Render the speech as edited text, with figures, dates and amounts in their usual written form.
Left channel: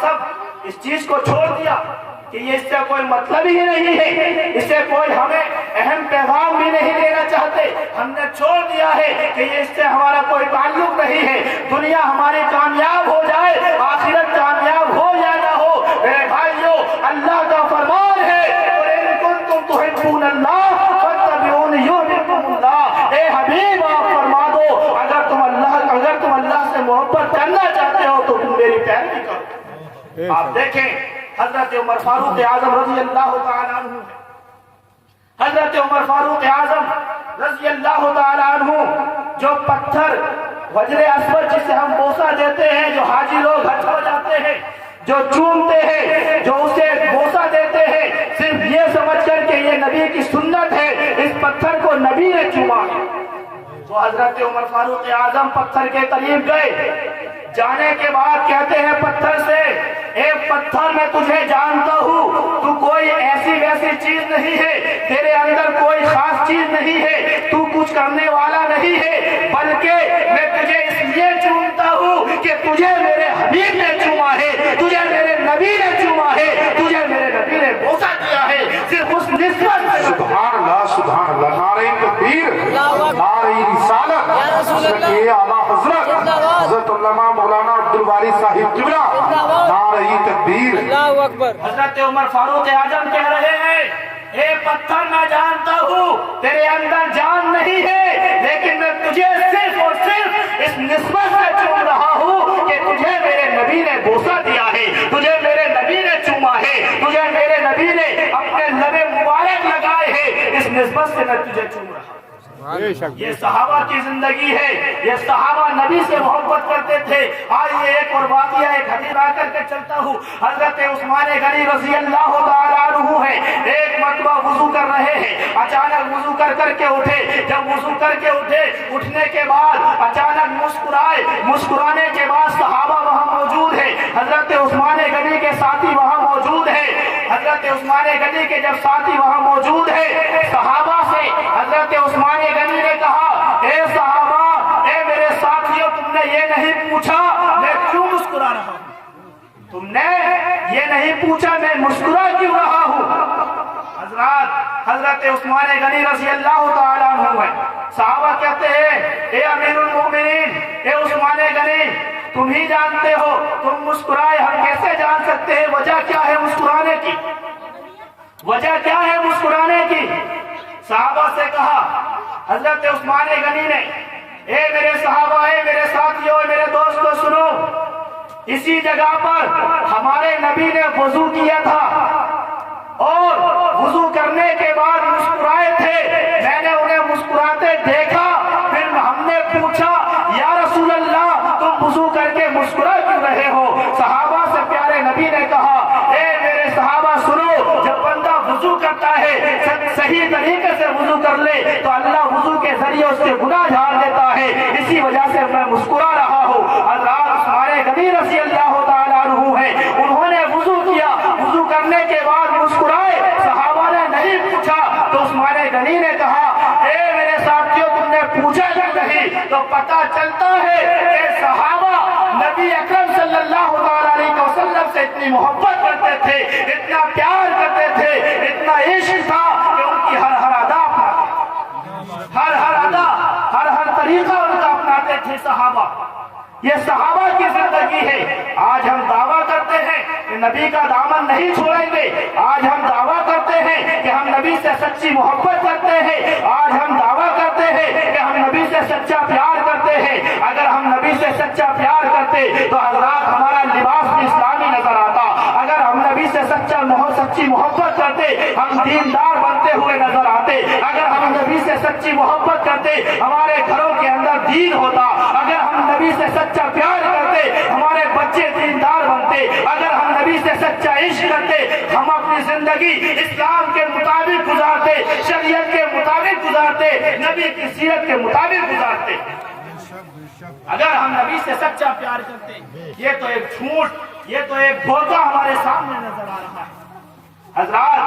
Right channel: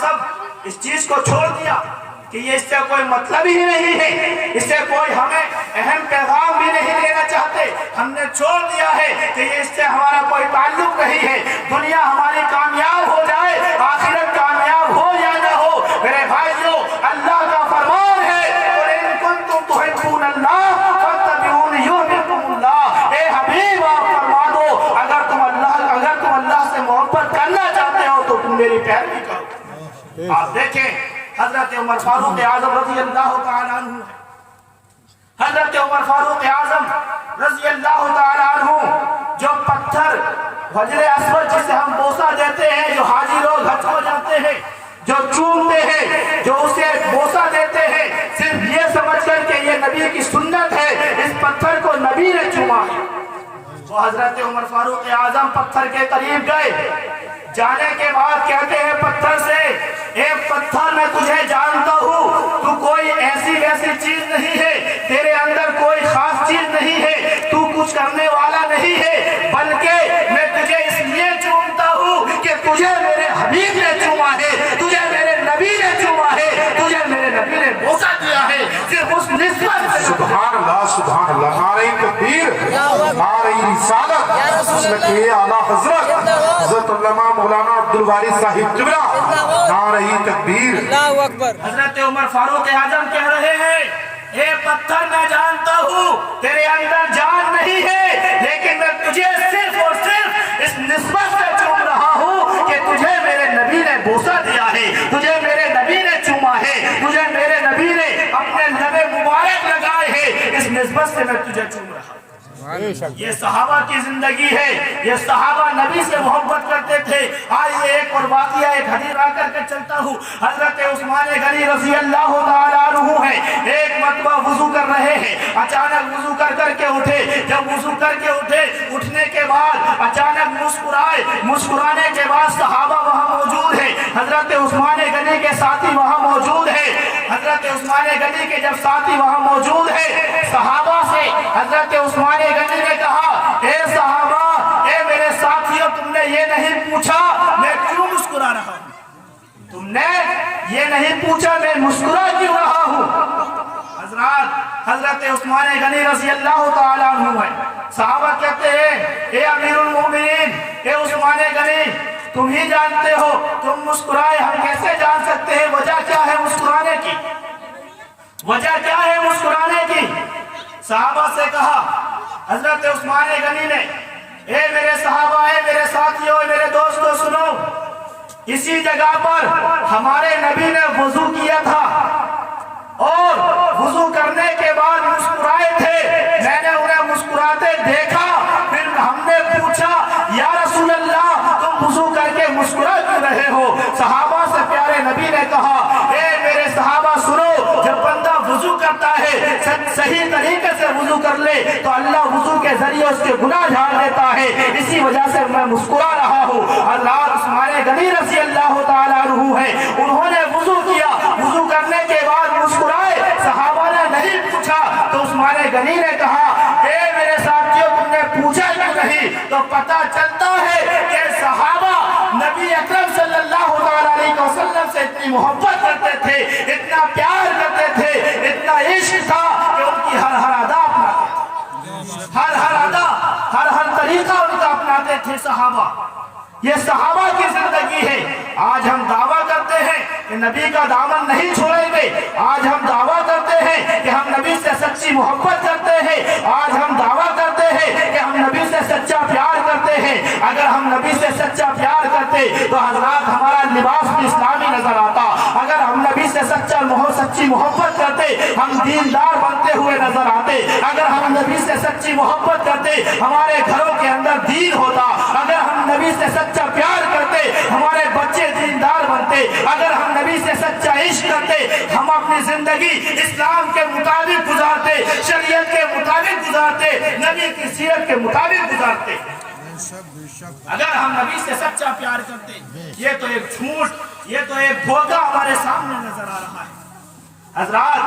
सब इस चीज को छोड़ दिया कि ये इससे कोई मतलब ही नहीं है, इससे कोई हमें अहम पैगाम भी नहीं देना चाहते। हमने छोड़ दिया है कि ये इससे हमारा कोई ताल्लुक नहीं है। दुनिया हमारी कामयाब हो जाए, आखिरत कामयाब हो या ना हो, मेरे भाइयों, अल्लाह का फरमान है, ए हबीब आप फरमा दो, अगर तुम अल्लाह से मोहब्बत करना चाहते हो तो तुम मेरी पैरवी करो। आप देखें हजरत उमर फारूक आजम रज़ी अल्लाह तआला अन्हु, हजरत उमर फारूक आजम रज़ी अल्लाह तआला अन्हु जो पत्थर हजरे अस्वद जिसे हम बोसा देते हैं, जो हाजी लोग हज को जाते हैं, जो चूमते हैं, जो उसे बोसा देते हैं, सिर्फ ये समझ कर के ये नबी की सुन्नत है, इस पत्थर को नबी ने चूमा है। तो हजरत उमर फारूक आजम पत्थर के करीब गए, जाने के बाद कहते हैं पत्थर से, एक पत्थर मैं तुझे जानता हूँ, तू कोई ऐसी वैसी चीज नहीं है, तेरे अंदर कोई खास चीज नहीं है, तू कुछ करने वाला नहीं है, बल्कि मैं तुझे इसलिए चूमता हूँ कि तुझे मेरे हबीब ने चूमा है, तुझे मेरे नबी ने चूमा है, तुझे मेरे नबी ने बोसा दिया है। सिर्फ उस निस्बत से सुभान अल्लाह, सुभान अल्लाह, नारे तकबीर, नारे रिसालत, सल्लल्लाहु आला हज़रत उल्लमा मौलाना अब्दुल वारिस साहिब किबला, नारे तकबीर, अल्लाहु अकबर। हजरत उमर फारूक आजम कह रहे हैं, ए पत्थर मैं जानता हूँ तेरे अंदर जान नहीं है, लेकिन मैं तुझे सिर्फ और सिर्फ इस निस्बत से चूम रहा हूँ कि तुझे मेरे नबी ने बोसा दिया है, तुझे मेरे नबी ने चूमा है, तुझे मेरे नबी ने अपने लबे मुबारक लगाए हैं, इस निस्बत से मैं तुझे चूम रहा हूँ। ये सहाबा की जिंदगी है, ये सहाबा नबी से मोहब्बत करते थे। आज ये एक और वाक़िया, एक हदीस ला करके चलता हूँ। हजरत उस्मान गनी रज़ी अल्लाह तआला अन्हु है, एक मरतबा वुजू कर रहे हैं, अचानक वुजू कर करके उठे। जब वुजू करके उठे, उठने के बाद अचानक मुस्कुराए, मुस्कुराने के बाद सहाबा वहाँ मौजूद है, हजरत उस्मान गनी के साथी वहाँ मौजूद है। हजरत उस्मान गनी के जब साथी वहाँ मौजूद है, सहाबा से हजरत उस्मान गनी ने कहा, ए सहाबा, ए मेरे साथियों, तुमने ये नहीं पूछा मैं क्यों मुस्कुरा रहा हूँ, तुमने ये नहीं पूछा मैं मुस्कुरा क्यों रहा हूँ। हजरत उस्मान गनी रज़ी अल्लाह तआला अन्हु है, सहाबा कहते हैं, ए अमीरुल मोमिनीन, ए उस्मान गनी, तुम ही जानते हो, तुम मुस्कुराए, हम कैसे जान सकते हैं वजह क्या है मुस्कुराने की, वजह क्या है मुस्कुराने की। सहाबा से कहा हजरत उस्मान गनी ने, ए मेरे सहाबा, ए मेरे साथियों, मेरे दोस्तों, सुनो, इसी जगह पर हमारे नबी ने वुजू किया था और वुजू करने के बाद मुस्कुराए थे, मैंने उन्हें मुस्कुराते देखा, फिर हमने पूछा, या रसूल अल्लाह, तुम वुजू करके मुस्कुरा क्यों रहे हो। सहाबा से प्यारे नबी ने कहा, ए मेरे सहाबा सुनो, जब बंदा वुजू करता है, सही तरीके से वुजू कर ले तो अल्लाह वुजू के जरिए उसके गुनाह झाड़ देता है, इसी वजह से मैं मुस्कुरा रहा हूँ। हज़रत उस्मान गनी रज़ी अल्लाह तआला अन्हु है, उन्होंने वुजू किया, वुजू करने के बाद मुस्कुराए, सहाबा ने नहीं पूछा, तो उस्मान गनी ने कहा, ए मेरे साथियों, तुमने पूछा क्यों नहीं। तो पता चलता है कि सहाबा नबी अकरम सल्लल्लाहु अलैहि वसल्लम से इतनी मोहब्बत करते थे, इतना प्यार करते थे, इतना इश्क था कि उनकी हर हर अदा अपनाते, हर हर अदा, हर हर तरीका उनका अपनाते थे सहाबा। ये सहाबा की जिंदगी है। आज हम दावा करते हैं कि नबी का दामन नहीं छोड़ेंगे, आज हम दावा करते हैं कि हम नबी से सच्ची मोहब्बत करते हैं, आज हम दावा करते हैं कि हम नबी से सच्चा प्यार करते हैं। अगर हम नबी से सच्चा प्यार करते तो हजरात हमारा लिबास भी इस्लामी नजर आता, अगर हम नबी से सच्ची मोहब्बत करते हम दीनदार बनते हुए नजर आते, अगर हम नबी से सच्ची मोहब्बत करते हमारे घरों के अंदर दीन होता, अगर हम नबी से सच्चा प्यार करते हमारे बच्चे दीनदार बनते, अगर हम नबी से सच्चा इश्क करते हम अपनी जिंदगी इस्लाम के मुताबिक गुजारते, शरीयत के मुताबिक गुजारते, नबी की सीरत के मुताबिक गुजारते। अगर हम नबी से सच्चा प्यार करते, ये तो एक झूठ, ये तो एक धोखा हमारे सामने नजर आ रहा है। हजरात